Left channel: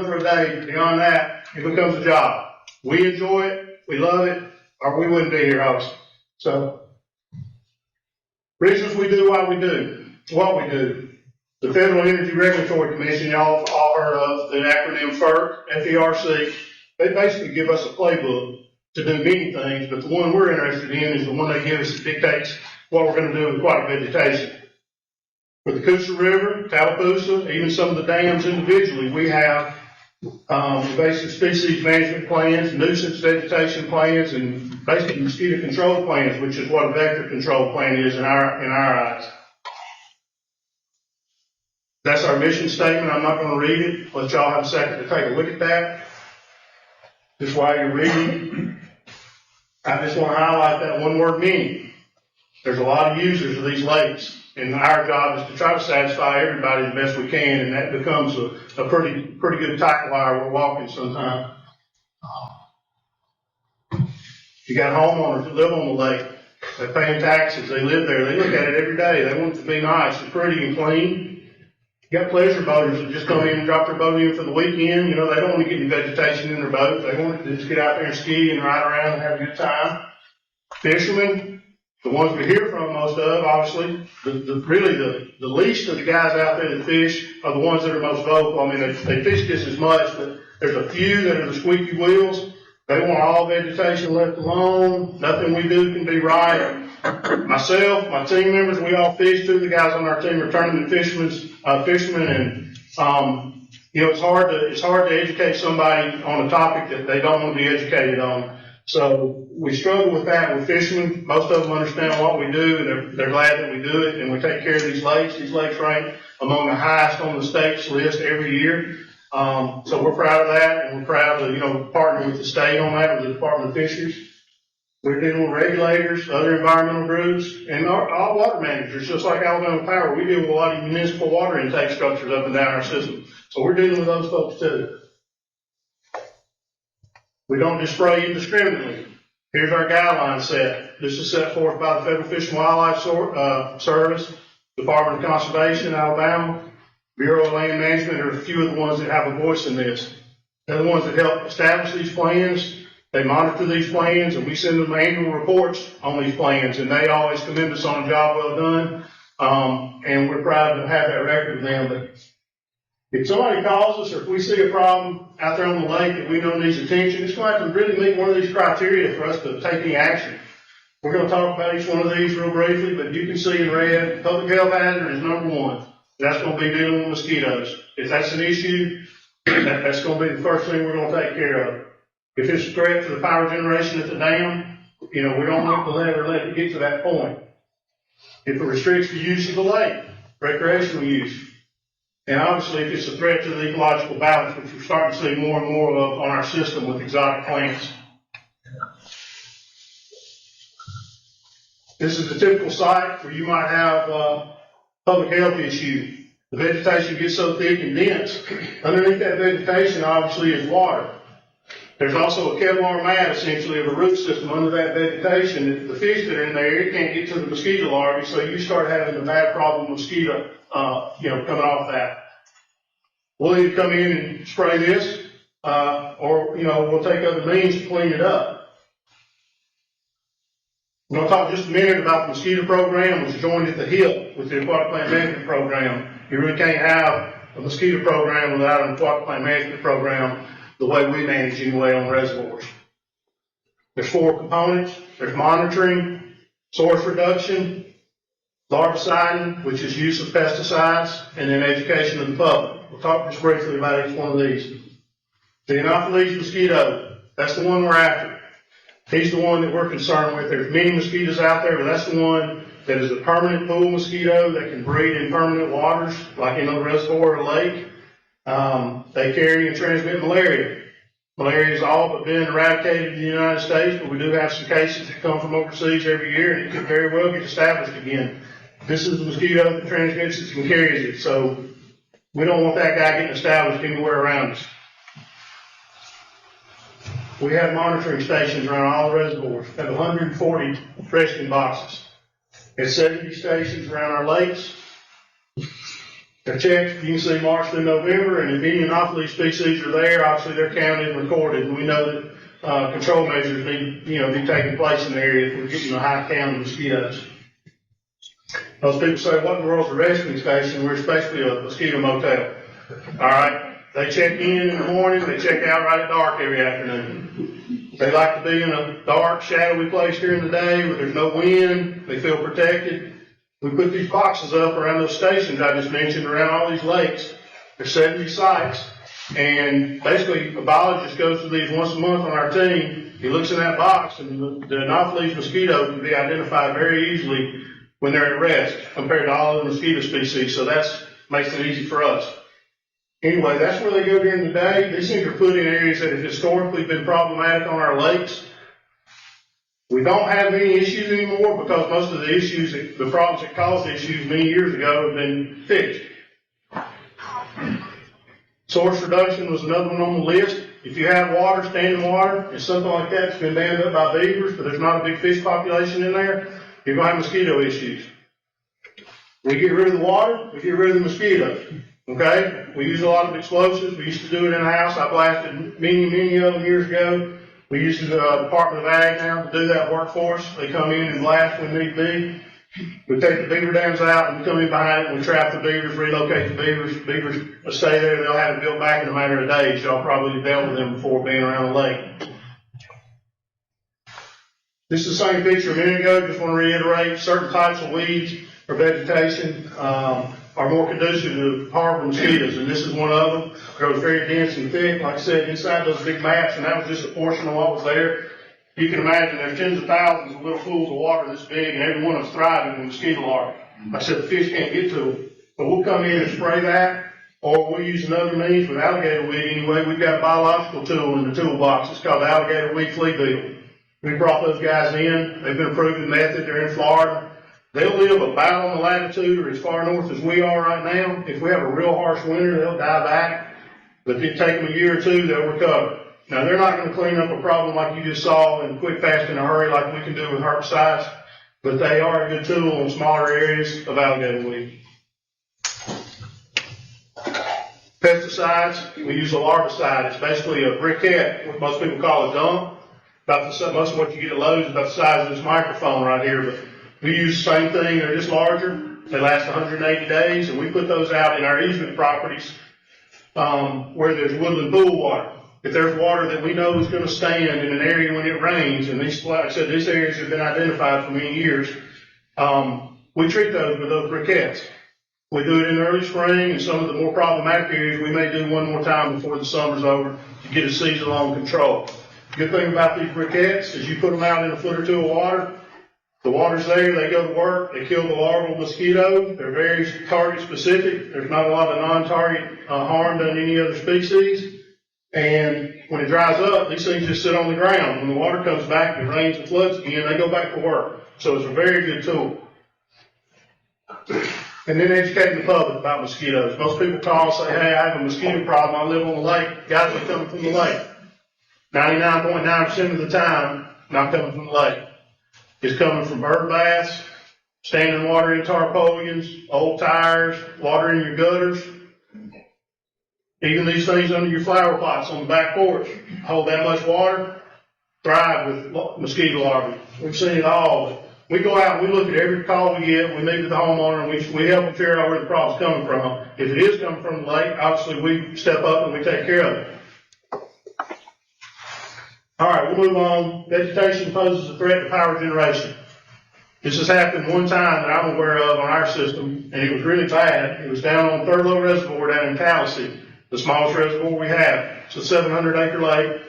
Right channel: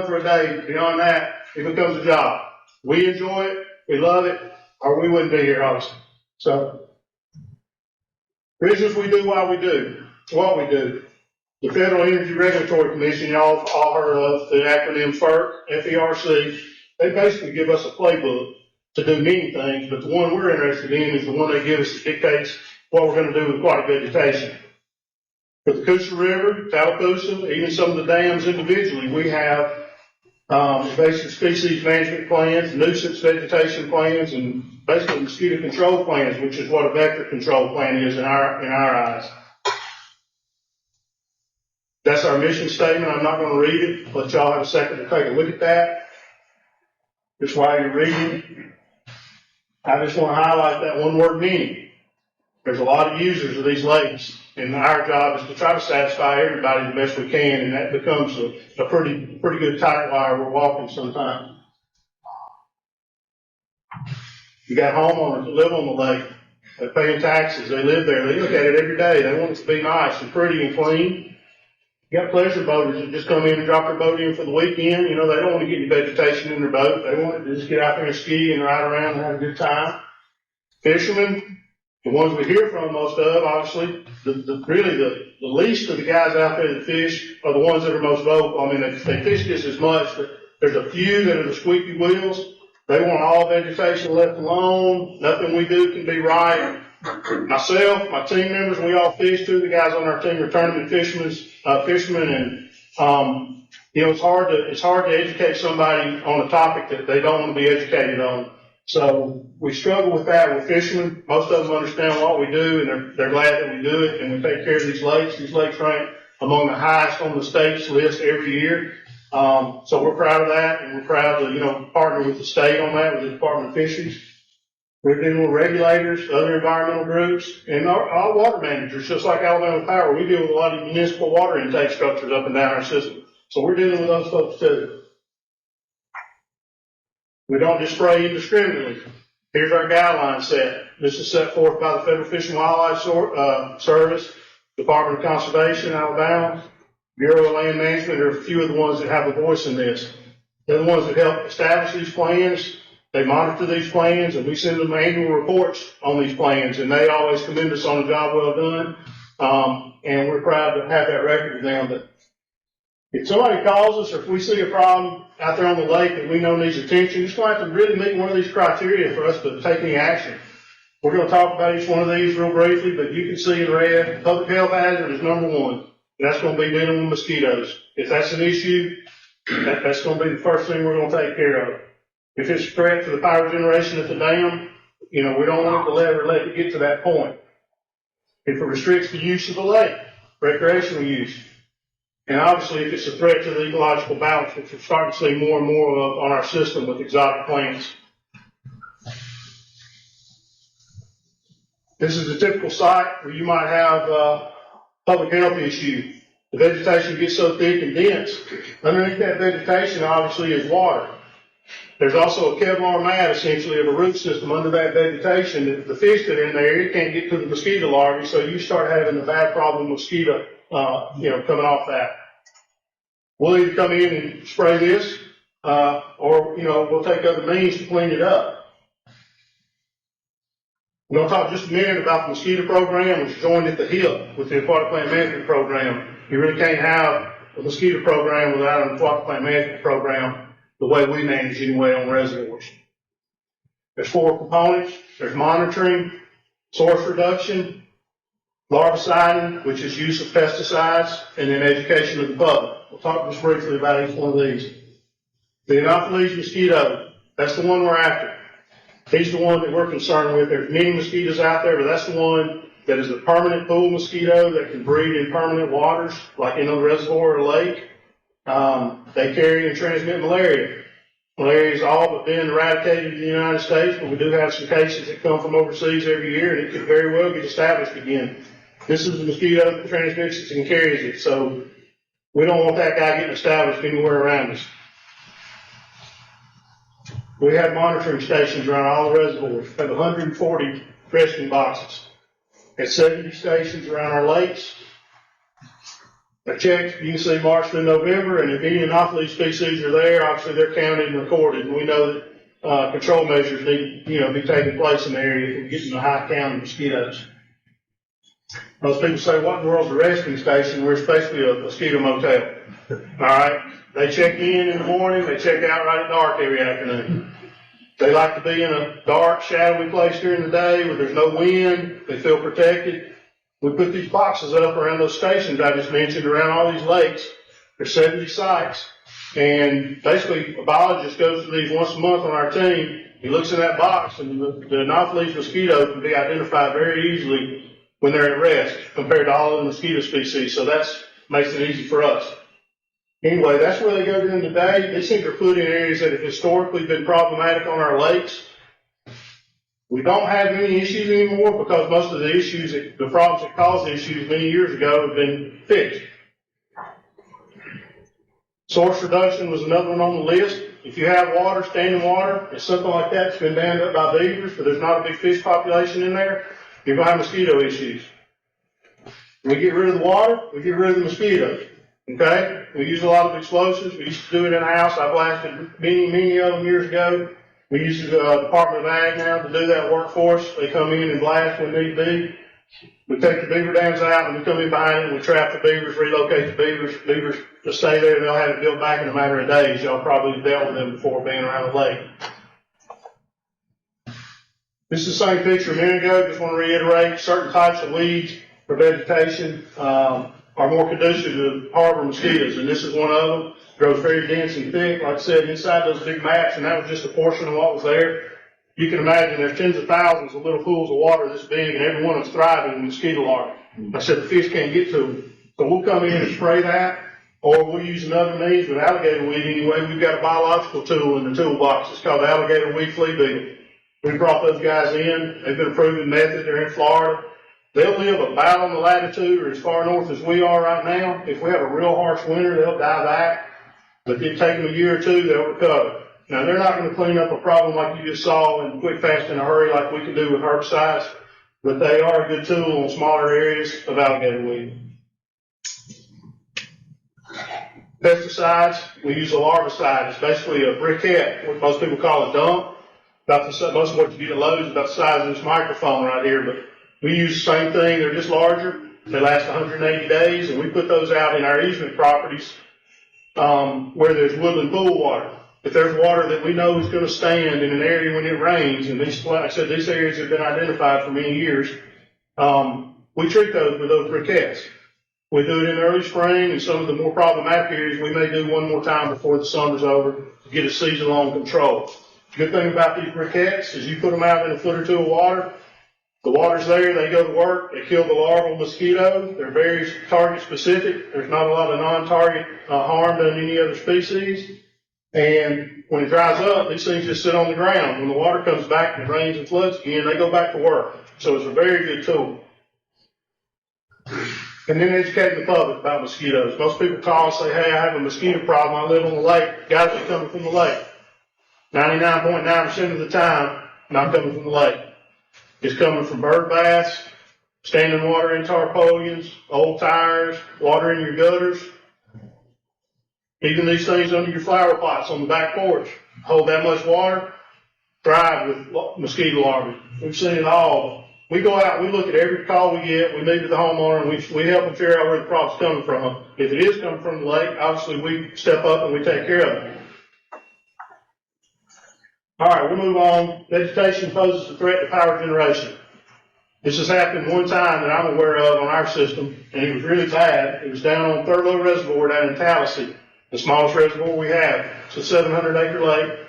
fun for a day. Beyond that, it becomes a job. We enjoy it, we love it, or we wouldn't be here hosting. So, reasons we do what we do. The Federal Energy Regulatory Commission, y'all all heard of, the acronym FERC, FERC, they basically give us a playbook to do many things, but the one we're interested in is the one they give us that dictates what we're going to do with aquatic vegetation. For the Coosa River, Tallapoosa, even some of the dams individually, we have invasive species management plans, nuisance vegetation plans, and basically mosquito control plans, which is what a vector control plan is in our eyes. That's our mission statement. I'm not going to read it. Let y'all have a second to take a look at that. Just while you're reading, I just want to highlight that one word meaning. There's a lot of users of these lakes, and our job is to try to satisfy everybody the best we can, and that becomes a pretty good tight wire we're walking sometimes. You got homeowners that live on the lake. They're paying taxes. They live there. They look at it every day. They want it to be nice and pretty and clean. You got pleasure boaters that just come in and drop their boat in for the weekend. You know, they don't want to get any vegetation in their boat. They want to just get out there and ski and ride around and have a good time. Fishermen, the ones we hear from most of, obviously, really the least of the guys out there that fish are the ones that are most vocal. I mean, they fish just as much, but there's a few that are the squeaky wheels. They want all vegetation left alone. Nothing we do can be right. Myself, my team members, we all fish too. The guys on our team are tournament fishermen, and you know, it's hard to educate somebody on a topic that they don't want to be educated on. So we struggle with that with fishermen. Most of them understand what we do, and they're glad that we do it, and we take care of these lakes. These lakes rank among the highest on the state's list every year. So we're proud of that, and we're proud to, you know, partner with the state on that, with the Department of Fisheries. We're dealing with regulators, other environmental groups, and all water managers, just like Alabama Power. We deal with a lot of municipal water intake structures up and down our system. So we're dealing with those folks too. We don't just spray indiscriminately. Here's our guideline set. This is set forth by the Federal Fish and Wildlife Service, Department of Conservation, Alabama, Bureau of Land Management are a few of the ones that have a voice in this. They're the ones that help establish these plans. They monitor these plans, and we send them annual reports on these plans, and they always commend us on a job well done. And we're proud to have that record with them. But if somebody calls us, or if we see a problem out there on the lake that we know needs attention, it's going to have to really meet one of these criteria for us to take any action. We're going to talk about each one of these real briefly, but you can see in red, public health hazard is number one. That's going to be dealing with mosquitoes. If that's an issue, that's going to be the first thing we're going to take care of. If it's a threat to the power generation at the dam, you know, we don't want to let it get to that point. If it restricts the use of the lake, recreational use. And obviously, if it's a threat to the ecological balance, which we're starting to see more and more of on our system with exotic plants. This is the typical site where you might have public health issue. The vegetation gets so thick and dense. Underneath that vegetation, obviously, is water. There's also a Kevlar mat, essentially, of a root system under that vegetation. The fish that are in there, it can't get to the mosquito larvae, so you start having a bad problem with mosquito, coming off that. We'll either come in and spray this, or, you know, we'll take other means to clean it up. I'm going to talk just a minute about the mosquito program, which is joined at the hip with the aquatic plant management program. You really can't have a mosquito program without an aquatic plant management program the way we manage anyway on reservoirs. There's 4 components. There's monitoring, source reduction, larviciding, which is use of pesticides, and then education of the public. We'll talk just briefly about each one of these. The Anopheles mosquito, that's the one we're after. He's the one that we're concerned with. There's many mosquitoes out there, but that's the one that is a permanent pool mosquito that can breed in permanent waters, like in a reservoir or lake. They carry and transmit malaria. Malaria has all but been eradicated in the United States, but we do have some cases that come from overseas every year, and it could very well get established again. This is the mosquito that transmits it and carries it, so we don't want that guy getting established anywhere around us. We have monitoring stations around all the reservoirs. We have 140 resting boxes. There's 70 stations around our lakes. They're checked, you can see March to November, and if any anomaly species are there, obviously they're counted and recorded, and we know that control measures need, be taking place in the area if we're getting a high count of mosquitoes. Most people say, what in the world's a resting station? We're basically a mosquito motel. All right? They check in the morning, they check out right at dark every afternoon. They like to be in a dark, shadowy place during the day where there's no wind, they feel protected. We put these boxes up around those stations I just mentioned, around all these lakes. There's 70 sites, and basically a biologist goes to these once a month on our team. He looks in that box, and the Anopheles mosquito can be identified very easily when they're at rest compared to all other mosquito species, so that makes it easy for us. Anyway, that's where they go during the day. These things are put in areas that have historically been problematic on our lakes. We don't have any issues anymore because most of the issues, the problems that caused the issues many years ago have been fixed. Source reduction was another one on the list. If you have water, standing water, and something like that's been dammed up by beavers, but there's not a big fish population in there, you're going to have mosquito issues. We get rid of the water, we get rid of the mosquitoes. Okay? We use a lot of explosives. We used to do it in the house. I blasted many of them years ago. We use the Department of Ag now to do that work for us. They come in and blast when need be. We take the beaver dams out and we come in behind it and we trap the beavers, relocate the beavers. Beavers will stay there and they'll have it built back in a matter of days. Y'all probably dealt with them before being around the lake. This is the same picture a minute ago. Just want to reiterate, certain types of weeds or vegetation are more conducive to harbor mosquitoes, and this is one of them. It grows very dense and thick, like I said, inside those big maps, and that was just a portion of what was there. You can imagine there's tens of thousands of little pools of water this big, and every one of them's thriving with mosquito larvae. Like I said, the fish can't get to them. So we'll come in and spray that, or we'll use another means with alligator weed anyway. We've got a biological tool in the toolbox. It's called the alligator weed flea beetle. We brought those guys in. They've been a proven method. They're in Florida. They'll live about on the latitude or as far north as we are right now. If we have a real harsh winter, they'll die back. But it'll take them a year or two, they'll recover. Now, they're not going to clean up a problem like you just saw and quick, fast, in a hurry like we can do with herbicides, but they are a good tool on smaller areas of alligator weed. Pesticides, we use a larvicide. It's basically a briquette, what most people call a dump. Most of what you get at Lowe's is about the size of this microphone right here, but we use the same thing. They're just larger. They last 180 days, and we put those out in our easement properties where there's woodland pool water. If there's water that we know is going to stand in an area when it rains, and these, like I said, these areas have been identified for many years, we treat those with those briquettes. We do it in the early spring, and some of the more problematic areas we may do one more time before the summer's over to get a season-long control. The good thing about these briquettes is you put them out in a foot or two of water. The water's there, they go to work, they kill the larval mosquito. They're very target specific. There's not a lot of non-target harm done any other species. And when it dries up, these things just sit on the ground. When the water comes back and it rains and floods again, they go back to work. So it's a very good tool. And then educating the public about mosquitoes. Most people call and say, hey, I have a mosquito problem. I live on the lake. Guys are coming from the lake. 99.9% of the time, not coming from the lake. It's coming from bird baths, standing water in tarpaulins, old tires, water in your gutters. Even these things under your flower pots on the back porch hold that much water, thrive with mosquito larvae. We've seen it all. We go out, we look at every call we get, we meet with the homeowner, and we help them figure out where the problem's coming from. If it is coming from the lake, obviously we step up and we take care of it. All right, we'll move on. Vegetation poses a threat to power generation. This has happened one time that I'm aware of on our system, and it was really bad. It was down on Thurlow Reservoir down in Tallahassee, the smallest reservoir we have. It's a 700-acre lake.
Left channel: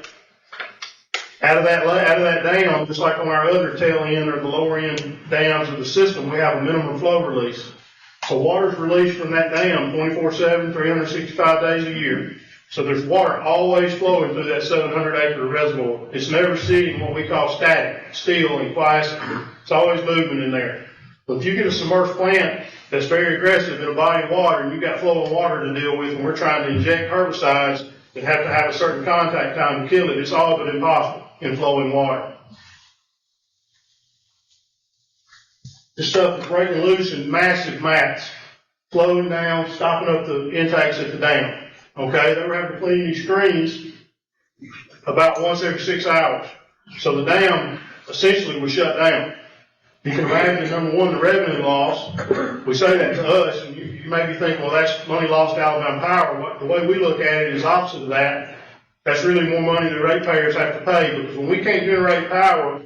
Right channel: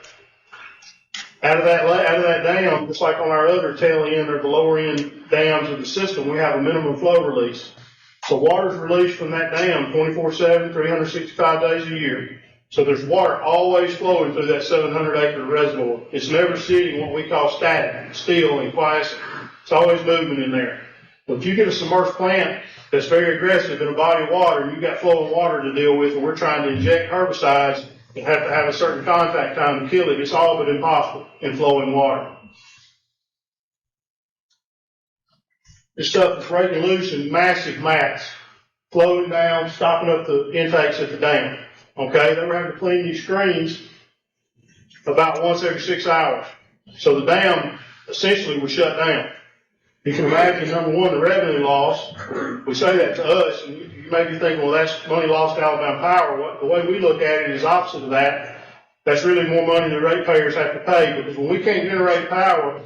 Out of that dam, just like on our other tail end or the lower end dams of the system, we have a minimum flow release. So water is released from that dam 24/7, 365 days a year. So there's water always flowing through that 700-acre reservoir. It's never sitting what we call static, still and quiescent. It's always moving in there. But if you get a submerged plant that's very aggressive in a body of water and you've got flowing water to deal with and we're trying to inject herbicides that have to have a certain contact time to kill it, it's all but impossible in flowing water. This stuff is breaking loose in massive mats. flowing down, stopping up the intakes at the dam. Okay, they were having to clean these screens about once every 6 hours. So the dam essentially was shut down. You can imagine, number one, the revenue loss. We say that to us, and you may be thinking, well, that's money lost to Alabama Power. The way we look at it is opposite of that. That's really more money the ratepayers have to pay, because when we can't generate power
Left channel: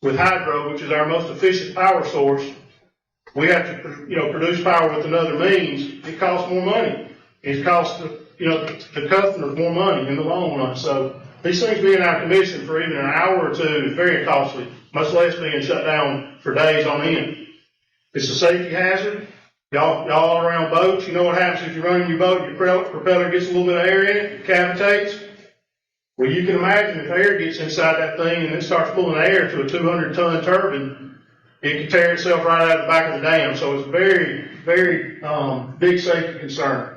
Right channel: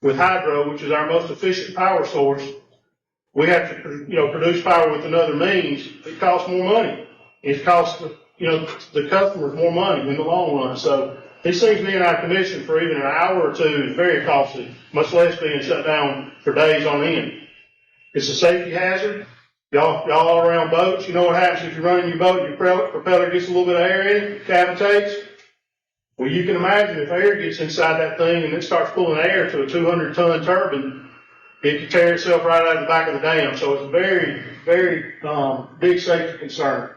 with hydro, which is our most efficient power source, we have to, produce power with another means. It costs more money. It costs, the customers more money in the long run. So these things being out of commission for even an hour or two is very costly, much less being shut down for days on end. It's a safety hazard. Y'all all around boats, you know what happens if you're running your boat, your propeller gets a little bit of air in it, cavitates. Well, you can imagine if air gets inside that thing and it starts pulling air to a 200-ton turbine, it can tear itself right out of the back of the dam. So it's a very, very big safety concern.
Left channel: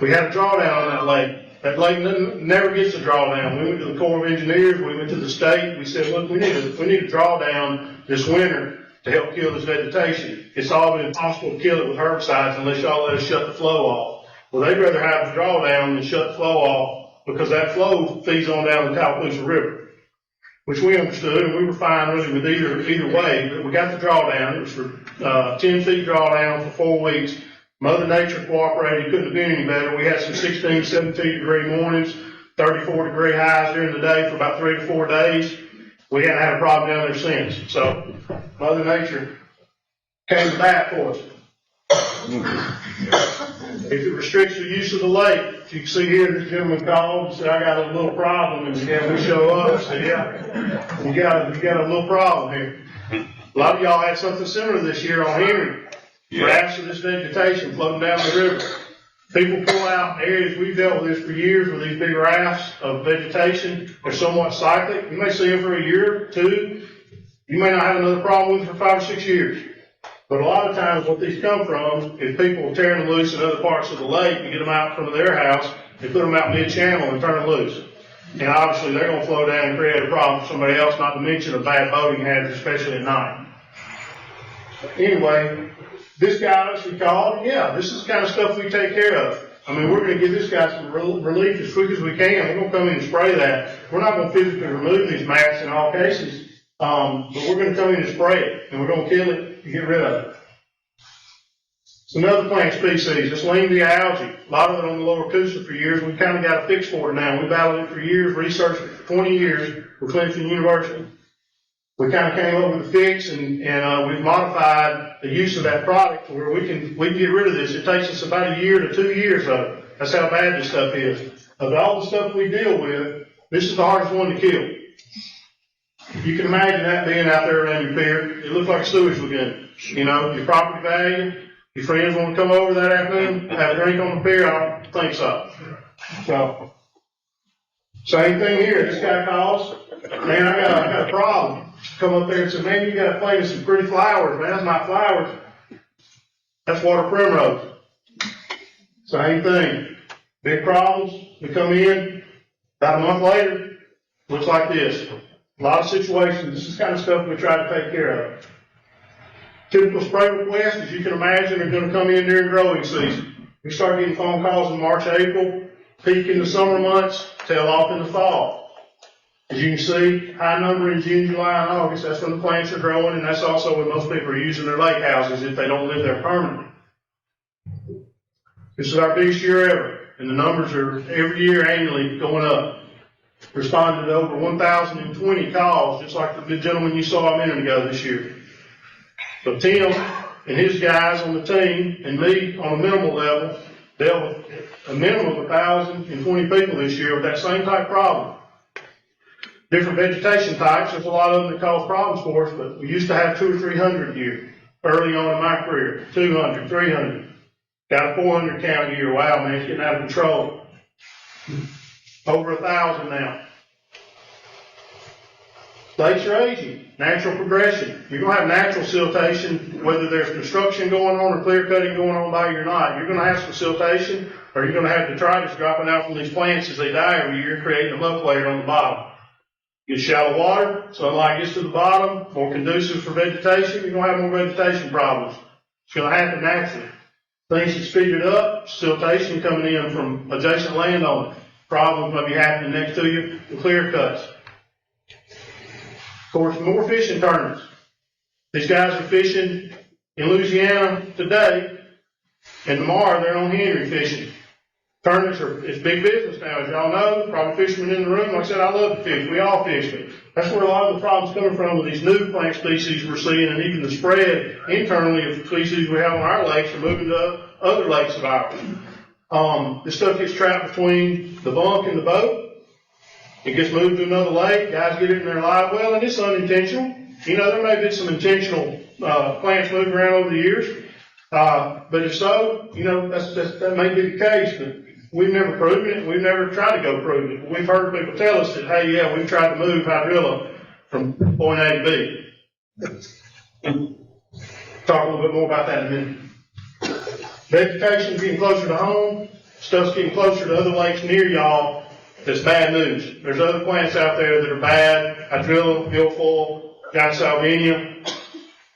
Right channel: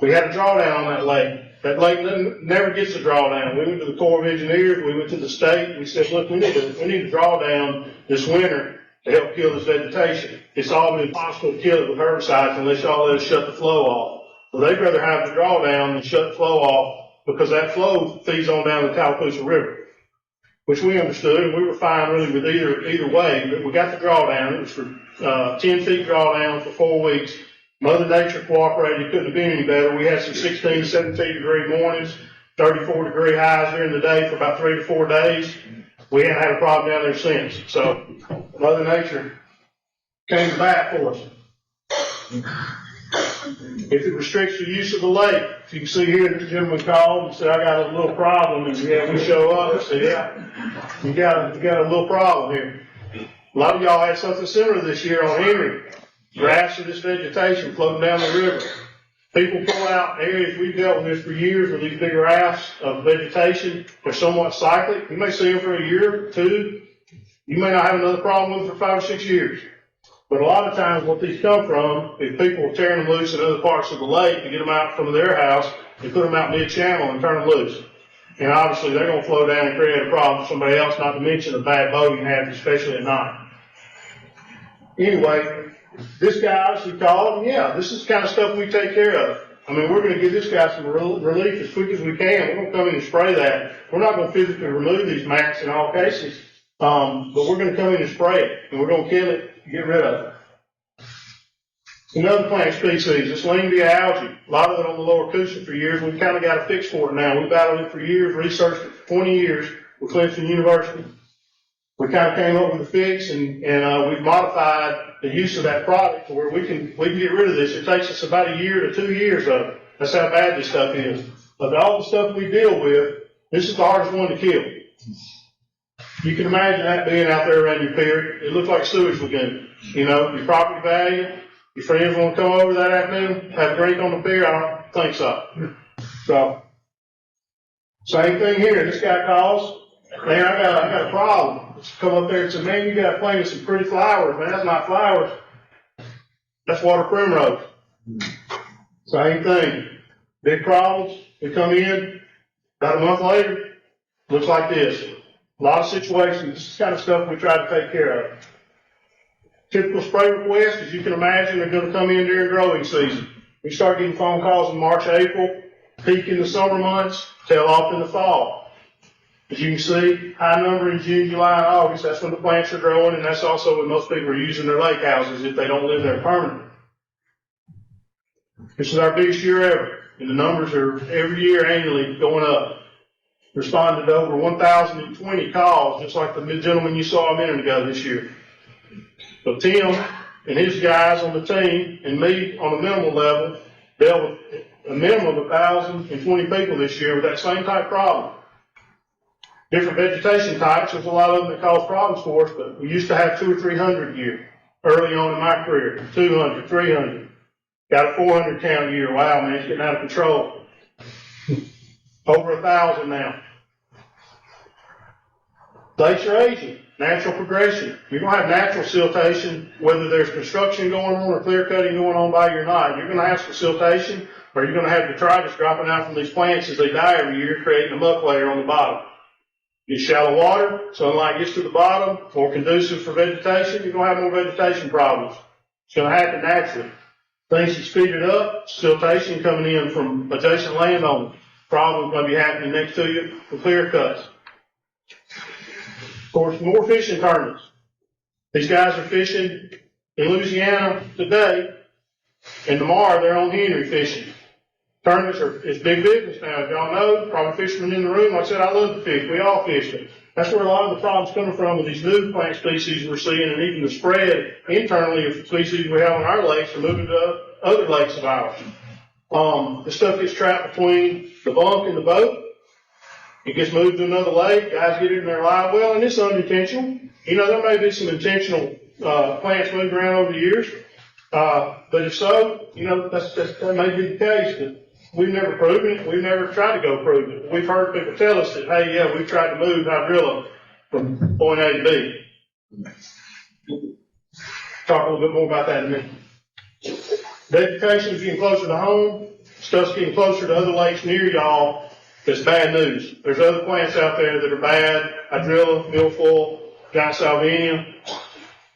We had a drawdown on that lake. That lake never gets a drawdown. We went to the Corps of Engineers, we went to the state, we said, look, we need to draw down this winter to help kill this vegetation. It's all been impossible to kill it with herbicides unless y'all let us shut the flow off. Well, they'd rather have the drawdown than shut the flow off, because that flow feeds on down the Tallapoosa River, which we understood, and we were fine really with either way, but we got the drawdown. It was for 10 feet drawdown for 4 weeks. Mother Nature cooperated. It couldn't have been any better. We had some 16, 17 degree mornings, 34 degree highs during the day for about 3 to 4 days. We haven't had a problem down there since. So Mother Nature came to bat for us. If it restricts the use of the lake, if you can see here, this gentleman called and said, I got a little problem, and we show up and say, yeah, you got a little problem here. A lot of y'all had something similar this year on Henry. Rafts of this vegetation floating down the river. People pull out areas, we've dealt with this for years with these big rafts of vegetation. They're somewhat cyclic. You may see them for a year, 2. You may not have another problem with them for 5 or 6 years. But a lot of times what these come from is people tearing them loose in other parts of the lake to get them out from their house and put them out mid-channel and turn them loose. And obviously they're going to flow down and create a problem for somebody else, not to mention a bad boating habit, especially at night. Anyway, this guy obviously called, and yeah, this is the kind of stuff we take care of. I mean, we're going to give this guy some relief as quick as we can. We're going to come in and spray that. We're not going to physically remove these mats in all cases, but we're going to come in and spray it, and we're going to kill it and get rid of it. Another plant species, this Lingia algae. A lot of it on the lower Coosa for years. We've kind of got a fix for it now. We battled it for years, researched it for 20 years with Clemson University. We kind of came up with a fix, and we've modified the use of that product to where we can get rid of this. It takes us about a year to 2 years of it. That's how bad this stuff is. Of all the stuff we deal with, this is the hardest one to kill. You can imagine that being out there around your pier. It looks like a sewage lagoon. Your property value, your friends want to come over that afternoon, have a drink on the pier. I don't think so. So, same thing here. This guy calls, man, I got a problem. Come up there and say, man, you got to plant some pretty flowers. Man, that's not flowers. That's water primrose. Same thing. Big problems. We come in, about a month later, looks like this. A lot of situations, this is the kind of stuff we try to take care of. Typical spray requests, as you can imagine, are going to come in during growing season. We start getting phone calls in March, April, peak in the summer months, tail off in the fall. As you can see, high number in June, July, and August. That's when the plants are growing, and that's also when most people are using their lake houses if they don't live there permanently. This is our biggest year ever, and the numbers are every year annually going up. Responded to over 1,020 calls, just like the gentleman you saw a minute ago this year. So Tim and his guys on the team and me on a minimal level dealt with a minimum of 1,020 people this year with that same type problem. Different vegetation types, there's a lot of them that cause problems for us, but we used to have 200 or 300 a year early on in my career. 200, 300. Got a 400 count a year. Wow, man, it's getting out of control. Over 1,000 now. Lakes are aging. Natural progression. You're going to have natural siltation, whether there's construction going on or clear cutting going on by you or not. You're going to have some siltation, or you're going to have detritus dropping out from these plants as they die every year, creating a muck layer on the bottom. Get shallow water, sunlight gets to the bottom, more conducive for vegetation, you're going to have more vegetation problems. It's going to happen naturally. Things that speeded up, siltation coming in from adjacent landowners. Problems may be happening next to you with clear cuts. Of course, more fishing tournaments. These guys are fishing in Louisiana today, and tomorrow they're on Henry fishing. Tournaments is big business now, as y'all know. Probably fishermen in the room. Like I said, I love to fish. We all fish, but that's where a lot of the problems coming from with these new plant species we're seeing, and even the spread internally of the species we have on our lakes are moving to other lakes of ours. This stuff gets trapped between the bunk and the boat. It gets moved to another lake. Guys get it in their live well, and it's unintentional. You know, there may be some intentional plants moved around over the years, but if so, you know, that may be the case. But we've never proven it. We've never tried to go prove it. But we've heard people tell us that, hey, yeah, we've tried to move hydrilla from point A to B. Talk a little bit more about that in a minute. Vegetation's getting closer to home. Stuff's getting closer to other lakes near y'all. That's bad news. There's other plants out there that are bad. Hydrilla, milfoil, Salvinia,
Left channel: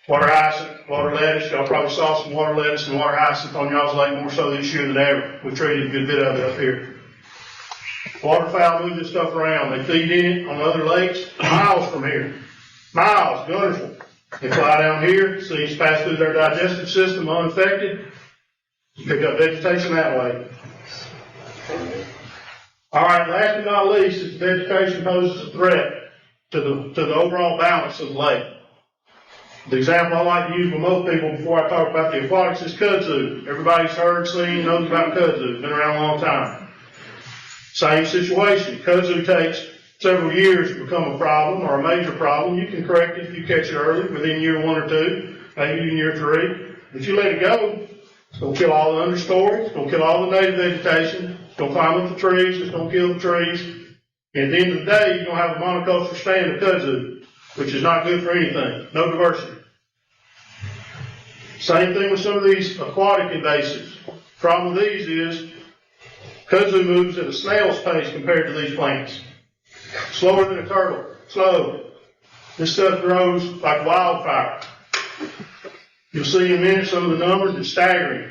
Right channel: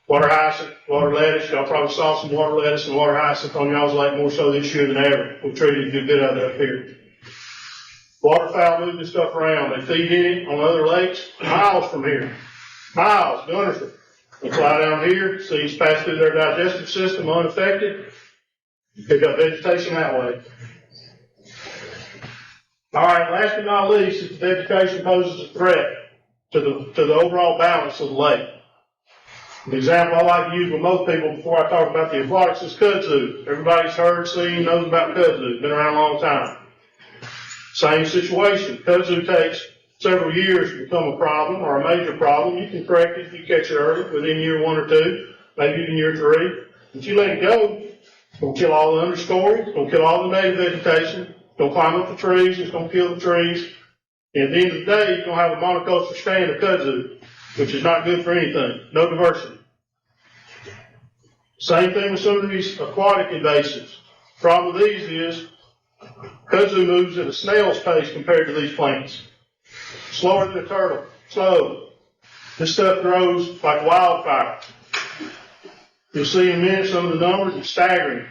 water hyacinth, water lettuce. Y'all probably saw some water lettuce and water hyacinth on y'all's lake more so this year than ever. We've treated a good bit of it up here. Waterfowl move this stuff around. They feed in it on other lakes miles from here. Miles, Gunnersville. They fly down here, seeds pass through their digestive system unaffected. Pick up vegetation that way. All right, last but not least, is vegetation poses a threat to the overall balance of the lake. The example I like to use with most people before I talk about the aquatics is kudzu. Everybody's heard, seen, knows about kudzu. It's been around a long time. Same situation. Kudzu takes several years to become a problem or a major problem. You can correct it if you catch it early, within year 1 or 2, maybe in year 3. But you let it go, it's going to kill all the understory. It's going to kill all the native vegetation. It's going to climb up the trees. It's going to kill the trees. And at the end of the day, you're going to have a monoculture stand of kudzu, which is not good for anything. No diversity. Same thing with some of these aquatic invasives. Problem with these is kudzu moves at a snail's pace compared to these plants. Slower than a turtle. Slow. This stuff grows like wildfire. You'll see in a minute some of the numbers. It's staggering.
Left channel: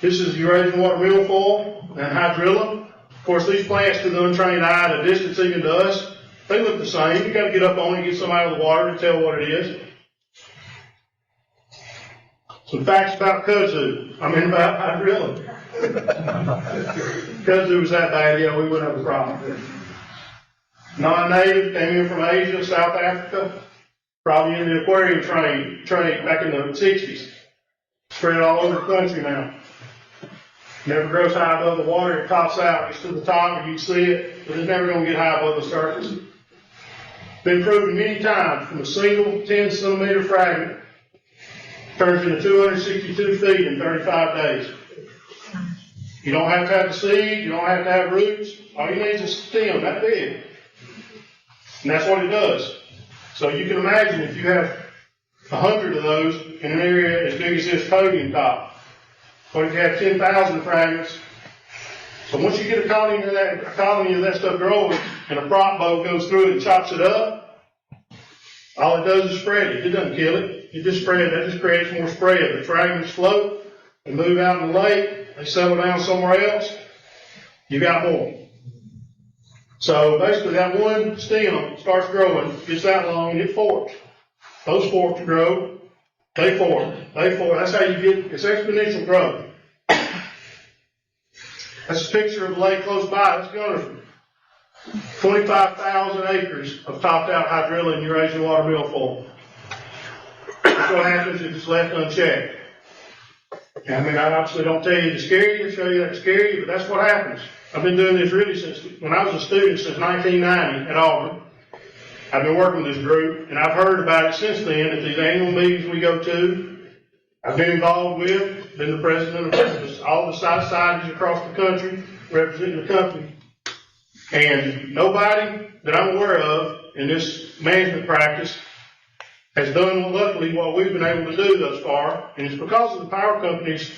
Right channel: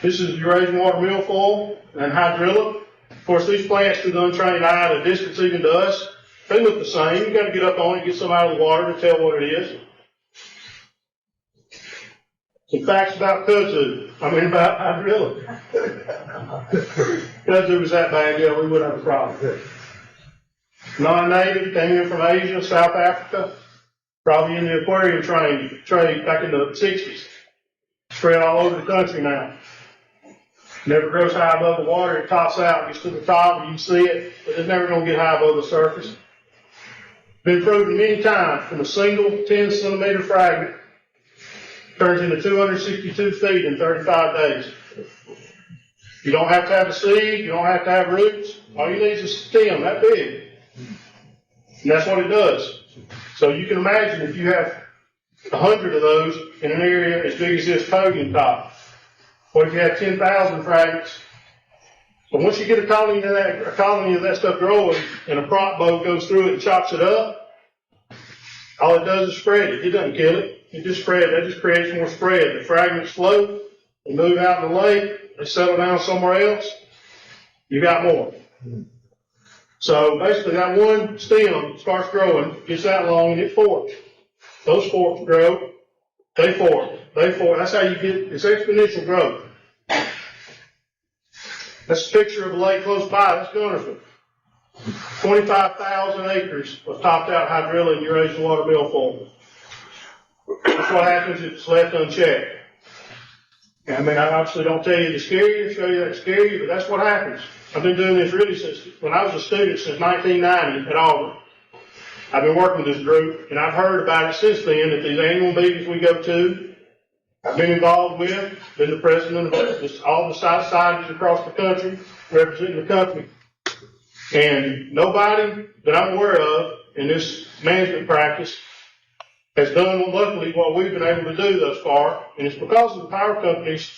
This is Eurasian water milfoil and hydrilla. Of course, these plants to the untrained eye, the distance even to us, they look the same. You've got to get up on it, get some out of the water to tell what it is. Some facts about kudzu. About hydrilla. Kudzu was that bad, yeah, we wouldn't have a problem. Non-native, came in from Asia, South Africa, probably in the aquarium trade back in the 60s. Spread all over the country now. Never grows high above the water. It tops out, gets to the top, and you can see it, but it's never going to get high above the surface. Been proven many times from a single 10-centimeter fragment turns into 262 feet in 35 days. You don't have to have a seed. You don't have to have roots. All you need is a stem that big. And that's what it does. So you can imagine if you have 100 of those in an area as big as this podium top. What if you have 10,000 fragments? So once you get a colony of that stuff growing, and a prop boat goes through it and chops it up, all it does is spread it. It doesn't kill it. It just spreads. That just creates more spread. The fragments float and move out in the lake. They settle down somewhere else. You got more. So basically that one stem starts growing, gets that long, and it forks. Those forks grow, they fork, That's how you get, it's exponential growth. That's a picture of the lake close by. That's Gunnersville. 25,000 acres of topped out hydrilla and Eurasian water milfoil. That's what happens if it's left unchecked. I obviously don't tell you to scare you, show you that to scare you, but that's what happens. I've been doing this really since when I was a student, since 1990 at Auburn. I've been working with this group, and I've heard about it since then at these annual meetings we go to. I've been involved with, been the president of all the societies across the country, representing the company. And nobody that I'm aware of in this management practice has done, luckily, what we've been able to do thus far, and it's because of the power company's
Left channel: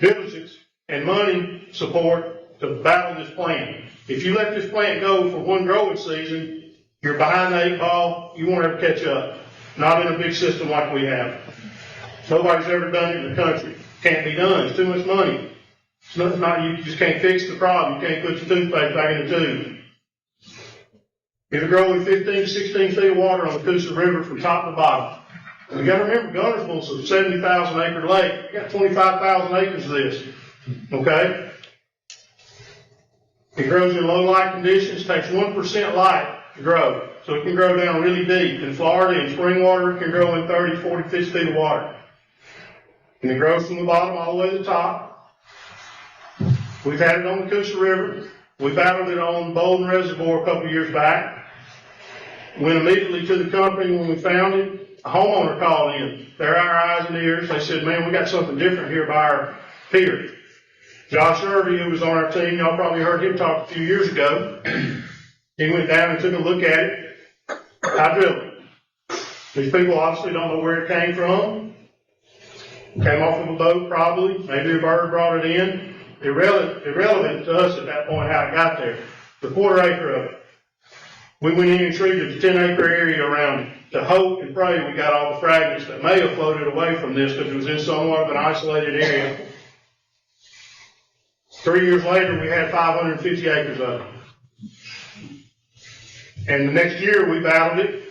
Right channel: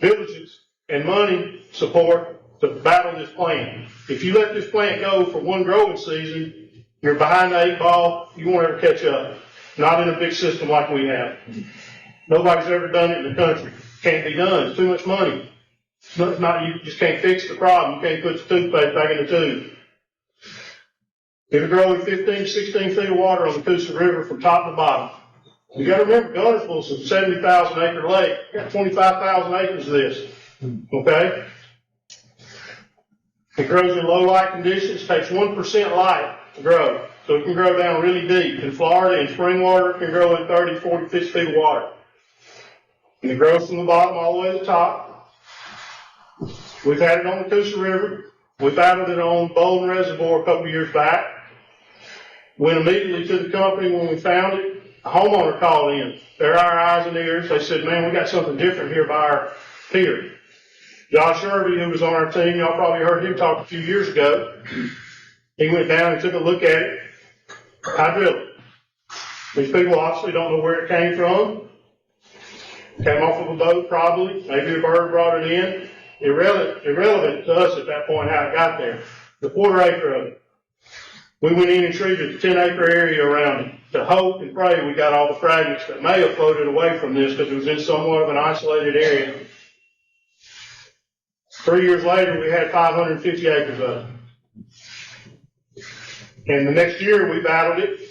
diligence and money support to battle this plant. If you let this plant go for one growing season, you're behind the 8 ball, you won't ever catch up. Not in a big system like we have. Nobody's ever done it in the country. can't be done. It's too much money. It's not, you just can't fix the problem. You can't put your toothpaste back in the tube. It'll grow in 15 to 16 feet of water on the Coosa River from top to bottom. You got to remember, Gunnersville's a 70,000 acre lake. You got 25,000 acres of this. Okay? It grows in low light conditions. Takes 1% light to grow. So it can grow down really deep. In Florida, in spring water, it can grow in 30, 40, 50 feet of water. And it grows from the bottom all the way to the top. We've had it on the Coosa River. We battled it on Bolden Reservoir a couple of years back. Went immediately to the company when we found it. A homeowner called in. They're our eyes and ears. They said, man, we got something different here by our pier. Josh Irvey, who was on our team, y'all probably heard him talk a few years ago. He went down and took a look at it. I drilled it. These people obviously don't know where it came from. Came off of a boat probably. Maybe a bird brought it in. Irrelevant to us at that point how it got there. The quarter acre of it. We went in and treated the 10-acre area around it to hope and pray we got all the fragments that may have floated away from this because it was in somewhat of an isolated area. 3 years later, we had 550 acres of it. And the next year, we battled it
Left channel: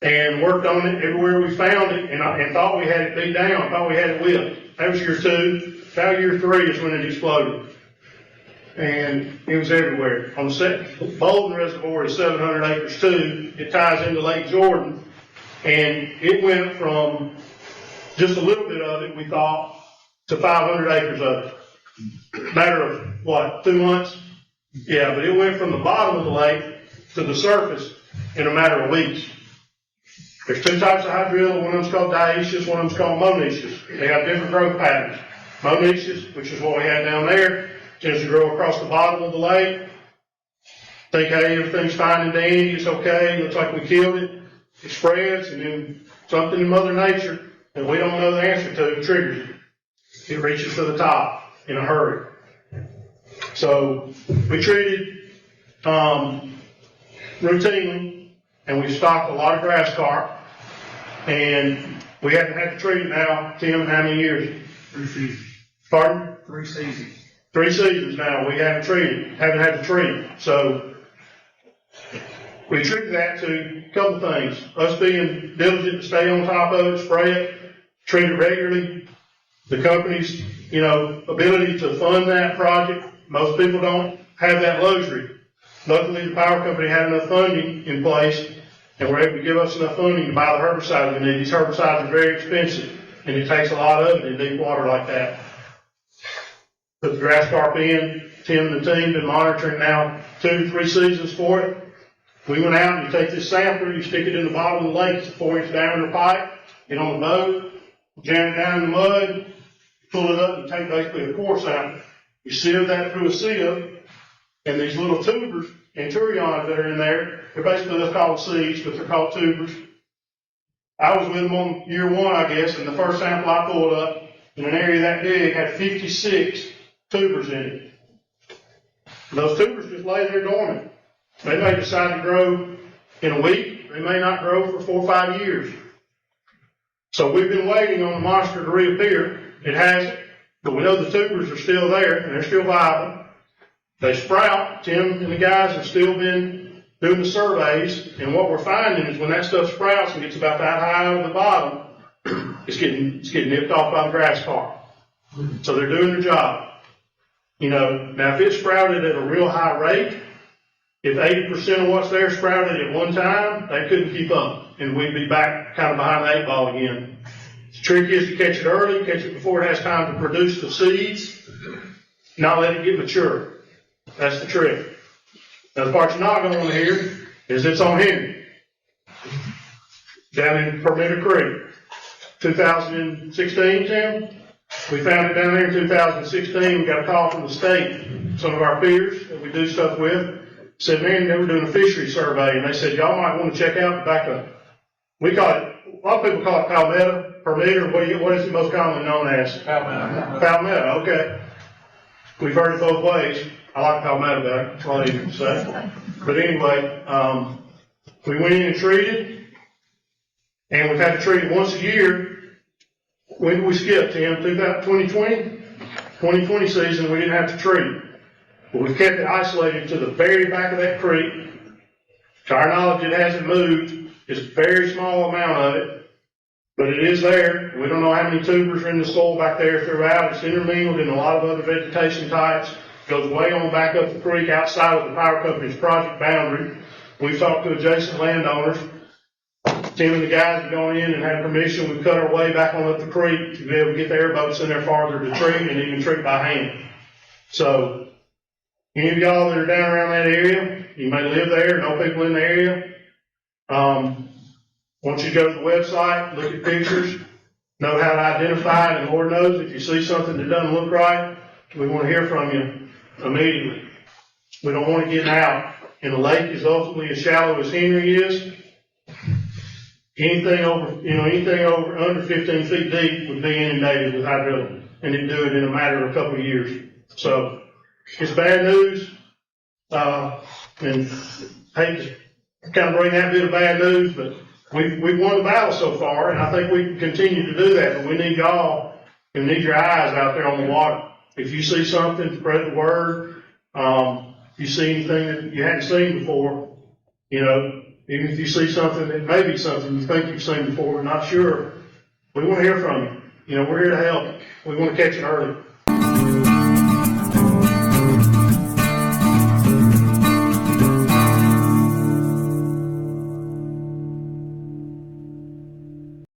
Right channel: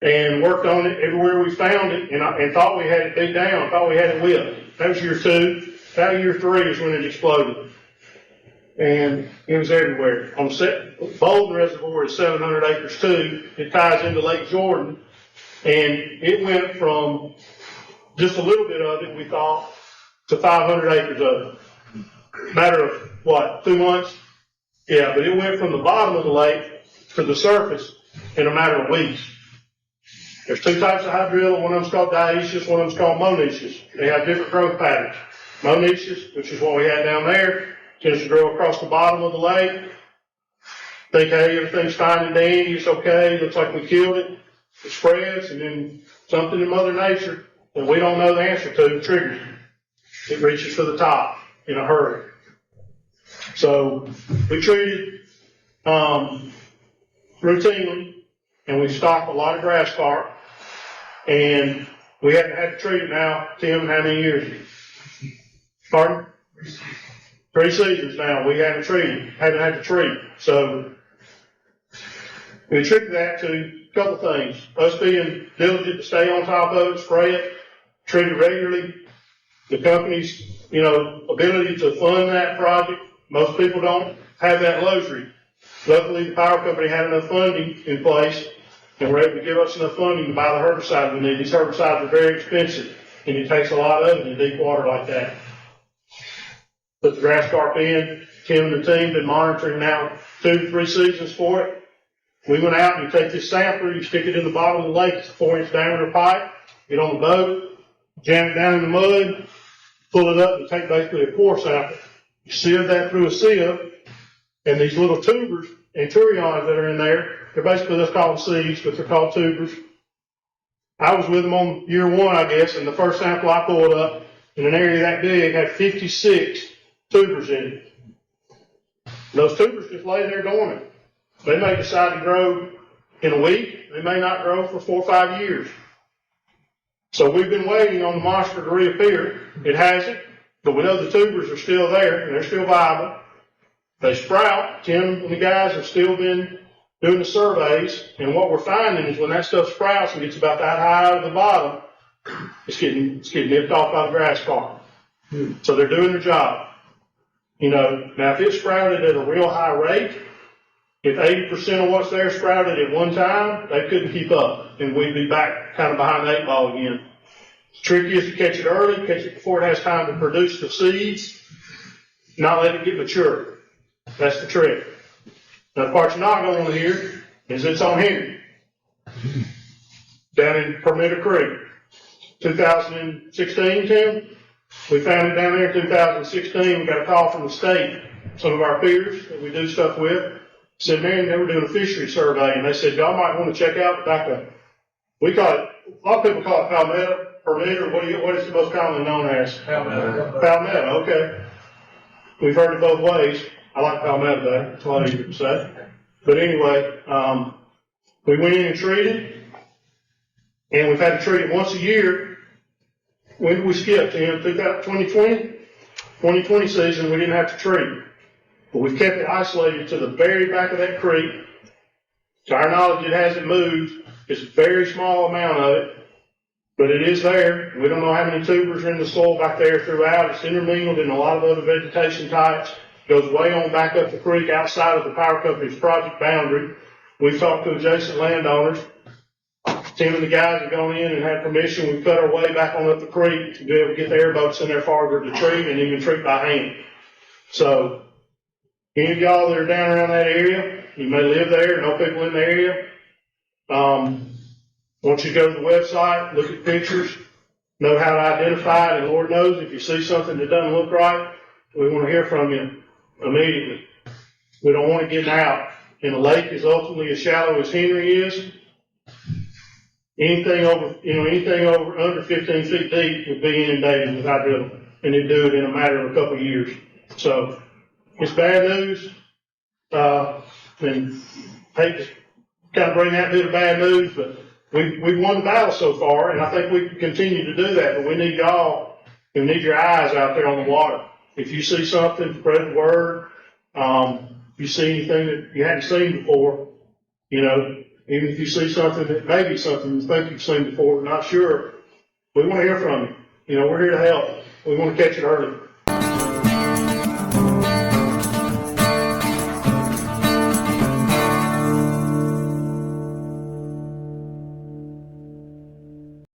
and worked on it everywhere we found it and thought we had it beat down, thought we had it whipped. That was year 2. About year 3 is when it exploded. And it was everywhere. On the Bolden Reservoir is 700 acres too. It ties into Lake Jordan. And it went from just a little bit of it, we thought, to 500 acres of it. Matter of, what, 2 months? Yeah, but it went from the bottom of the lake to the surface in a matter of weeks. There's 2 types of hydrilla. One of them's called dioecious, one of them's called monoecious. They have different growth patterns. Monoecious, which is what we had down there, tends to grow across the bottom of the lake. Think, hey, everything's fine and dandy, it's okay, looks like we killed it. It spreads, and then something in Mother Nature that we don't know the answer to triggers it. It reaches to the top in a hurry. So we treated routinely, and we stocked a lot of grass carp, and we haven't had to treat it now, Tim, in how many years? 3 seasons. Pardon? 3 seasons. 3 seasons now we haven't had to treat. So we attribute that to a couple of things. Us being diligent to stay on top of it, spray it, treat it regularly. The company's, ability to fund that project. Most people don't have that luxury. Luckily, the power company had enough funding in place and were able to give us enough funding to buy the herbicides we need. These herbicides are very expensive, and it takes a lot of it in deep water like that. Put the grass carp in. Tim and the team been monitoring now 2 to 3 seasons for it. We went out and you take this sampler, you stick it in the bottom of the lake. It's a 4-inch diameter pipe. Get on the boat, jam it down in the mud, pull it up, and take basically a core sample. You sieve that through a sieve, and these little tubers and turions that are in there, they're basically, let's call them seeds, but they're called tubers. I was with them on year 1, I guess, and the first sample I pulled up in an area that big had 56 tubers in it. And those tubers just lay there dormant. They may decide to grow in a week. They may not grow for 4 or 5 years. So we've been waiting on the monster to reappear. It hasn't, but we know the tubers are still there and they're still viable. They sprout. Tim and the guys have still been doing the surveys, and what we're finding is when that stuff sprouts and gets about that high out of the bottom, it's getting nipped off by the grass carp. So they're doing their job. Now if it sprouted at a real high rate, if 80% of what's there sprouted at one time, they couldn't keep up, and we'd be back kind of behind the 8 ball again. The trick is to catch it early, catch it before it has time to produce the seeds, not let it get mature. That's the trick. Now the part you're not going to want to hear is it's on Henry, down in Permitter Creek. 2016, Tim, we found it down there in 2016. We got a call from the state. Some of our peers that we do stuff with said, man, they were doing a fishery survey, and they said, y'all might want to check out the back of, we call it, a lot of people call it palmetto, Permitter. What is it most commonly known as? Palmetto. Palmetto, okay. We've heard it both ways. I like palmetto better. It's a lot easier to say. But anyway, we went in and treated, and we've had to treat it once a year when did we skip, Tim? 2020? 2020 season, we didn't have to treat. But we've kept it isolated to the very back of that creek. To our knowledge, it hasn't moved. It's a very small amount of it, but it is there. We don't know how many tubers are in the soil back there throughout. It's intermingled in a lot of other vegetation types. Goes way on back up the creek outside of the power company's project boundary. We've talked to adjacent landowners. Tim and the guys have gone in and had permission. We've cut our way back on up the creek to be able to get the airboats in there farther to treat and even treat by hand. So, any of y'all that are down around that area, you may live there, know people in the area. Want you to go to the website, look at pictures, know how to identify it, and Lord knows if you see something that doesn't look right, we want to hear from you immediately. We don't want it getting out. And the lake is ultimately as shallow as Henry is. Anything over under 15 feet deep would be inundated with hydrilla, and it'd do it in a matter of a couple of years. So it's bad news, and hate to kind of bring that bit of bad news, but we've won the battle so far, and I think we can continue to do that. But we need y'all, we need your eyes out there on the water. If you see something, spread the word. If you see anything that you hadn't seen before, even if you see something that may be something you think you've seen before, but not sure, we want to hear from you. We're here to help. We want to catch it early.